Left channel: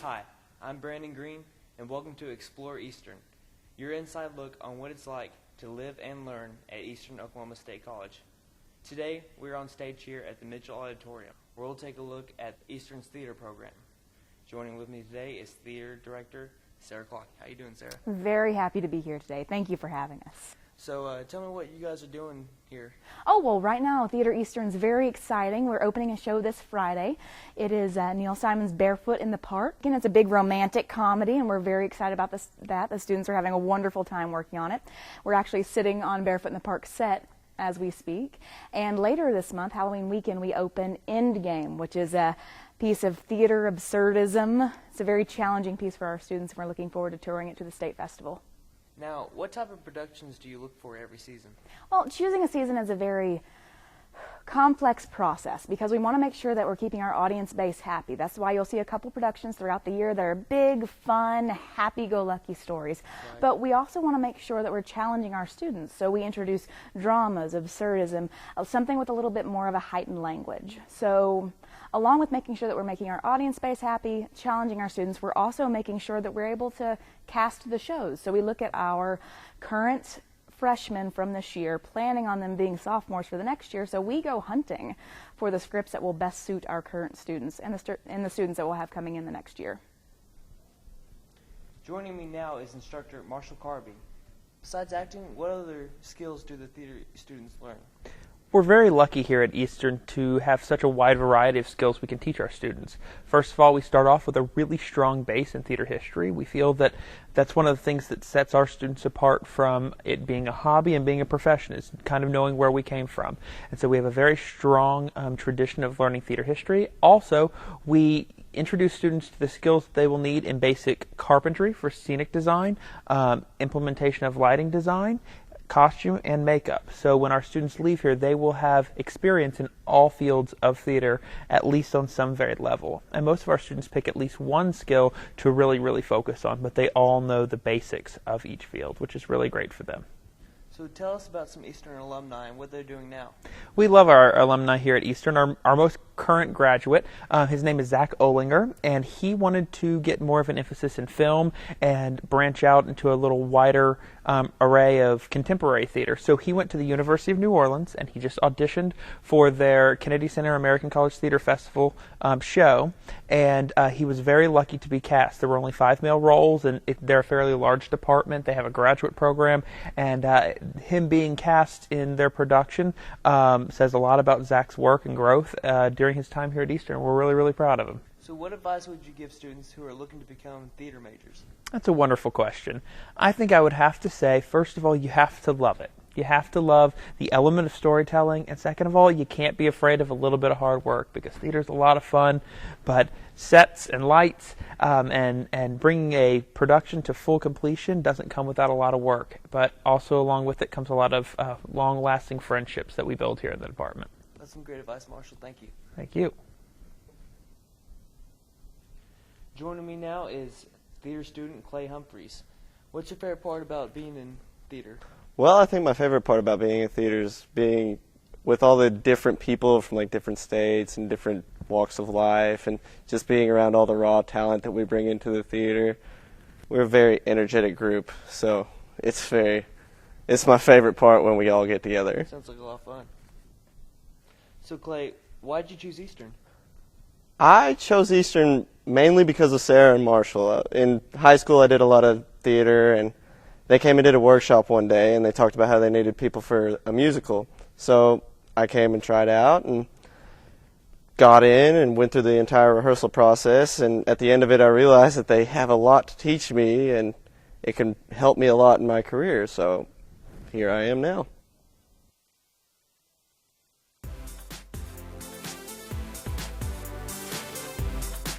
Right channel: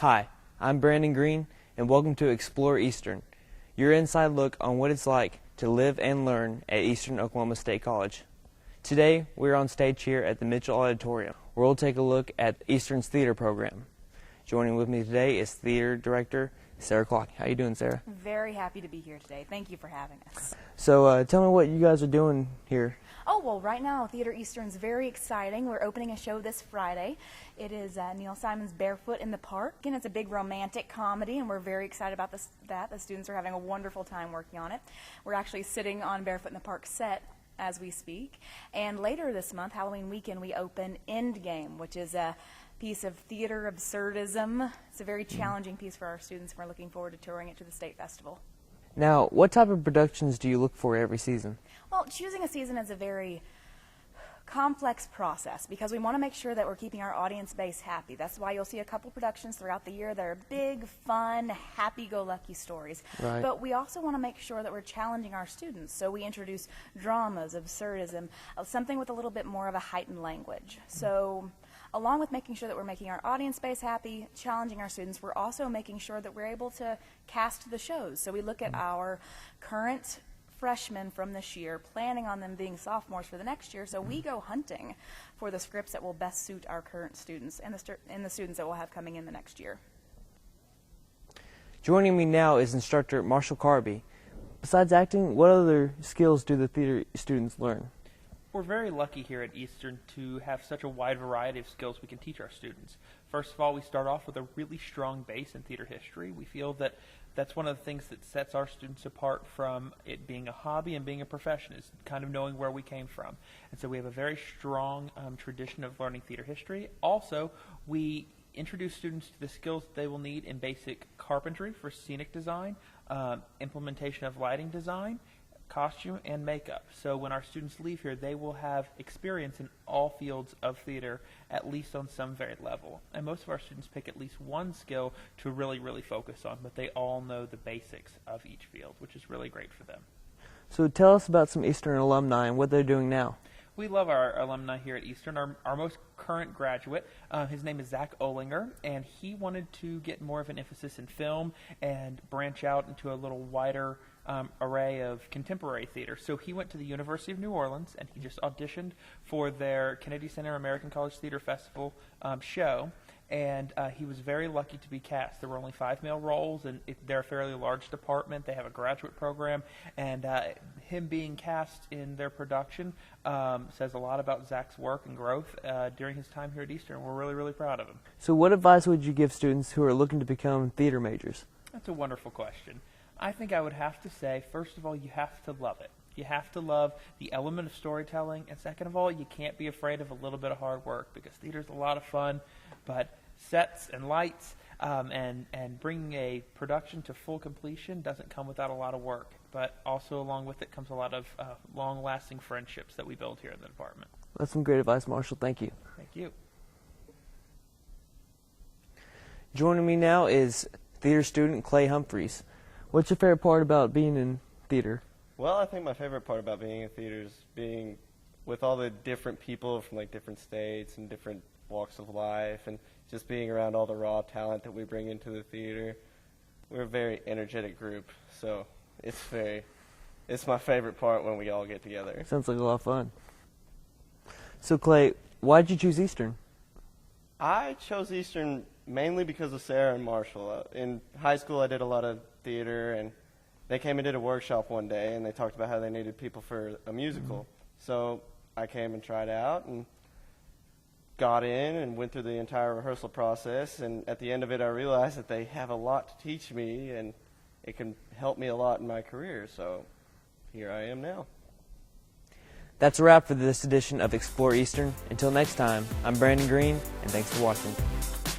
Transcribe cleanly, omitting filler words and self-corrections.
Hi, I'm Brandon Green, and welcome to Explore Eastern, your inside look on what it's like to live and learn at Eastern Oklahoma State College. Today, we're on stage here at the Mitchell Auditorium, where we'll take a look at Eastern's theater program. Joining with me today is theater director Sarah Clock. How you doing, Sarah? Very happy to be here today. Thank you for having us. So tell me what you guys are doing here. Oh, well, right now, Theater Eastern's very exciting. We're opening a show this Friday. It is Neil Simon's Barefoot in the Park. Again, it's a big romantic comedy, and we're very excited about that. The students are having a wonderful time working on it. We're actually sitting on Barefoot in the Park set as we speak. And later this month, Halloween weekend, we open Endgame, which is a piece of theater absurdism. It's a very challenging piece for our students, and we're looking forward to touring it to the state festival. Now, what type of productions do you look for every season? Well, choosing a season is a very complex process because we want to make sure that we're keeping our audience base happy. That's why you'll see a couple productions throughout the year that are big, fun, happy-go-lucky stories. Right. But we also want to make sure that we're challenging our students. So we introduce dramas, absurdism, something with a little bit more of a heightened language. So along with making sure that we're making our audience base happy, challenging our students, we're also making sure that we're able to cast the shows. So we look at our current freshmen from this year, planning on them being sophomores for the next year, so we go hunting for the scripts that will best suit our current students and the students that we'll have coming in the next year. Joining me now is instructor Marshall Carby. Besides acting, what other skills do the theater students learn? We're very lucky here at Eastern to have such a wide variety of skills we can teach our students. First of all, we start off with a really strong base in theater history. We feel that that's one of the things that sets our students apart from it being a hobby and being a profession, is kind of knowing where we came from. And so we have a very strong tradition of learning theater history. Also, we introduce students to the skills that they will need in basic carpentry for scenic design, implementation of lighting design, costume, and makeup. So when our students leave here, they will have experience in all fields of theater, at least on some varied level. And most of our students pick at least one skill to really focus on, but they all know the basics of each field, which is really great for them. So tell us about some Eastern alumni and what they're doing now. We love our alumni here at Eastern. Our most current graduate, his name is Zach Olinger, and he wanted to get more of an emphasis in film and branch out into a little wider array of contemporary theater. So he went to the University of New Orleans, and he just auditioned for their Kennedy Center American College Theater Festival show, and he was very lucky to be cast. There were only 5 male roles, and they're a fairly large department. They have a graduate program, and him being cast in their production says a lot about Zach's work and growth during his time here at Eastern. We're really proud of him. So what advice would you give students who are looking to become theater majors? That's a wonderful question. I think I would have to say, first of all, you have to love it. You have to love the element of storytelling, and second of all, you can't be afraid of a little bit of hard work, because theater's a lot of fun, but sets and lights and bringing a production to full completion doesn't come without a lot of work, but also along with it comes a lot of long-lasting friendships that we build here in the department. That's some great advice, Marshall. Thank you. Thank you. Joining me now is theater student Clay Humphreys. What's your favorite part about being in theater? Well, I think my favorite part about being in theater is being with all the different people from like different states and different walks of life, and just being around all the raw talent that we bring into the theater. We're a very energetic group, so it's my favorite part when we all get together. Sounds like a lot of fun. So Clay, why did you choose Eastern? I chose Eastern mainly because of Sarah and Marshall. In high school, I did a lot of theater, and they came and did a workshop one day, and they talked about how they needed people for a musical. So I came and tried out and got in and went through the entire rehearsal process, and at the end of it I realized that they have a lot to teach me, and it can help me a lot in my career, so here I am now. That's a wrap for this edition of Explore Eastern. Until next time, I'm Brandon Green, and thanks for watching.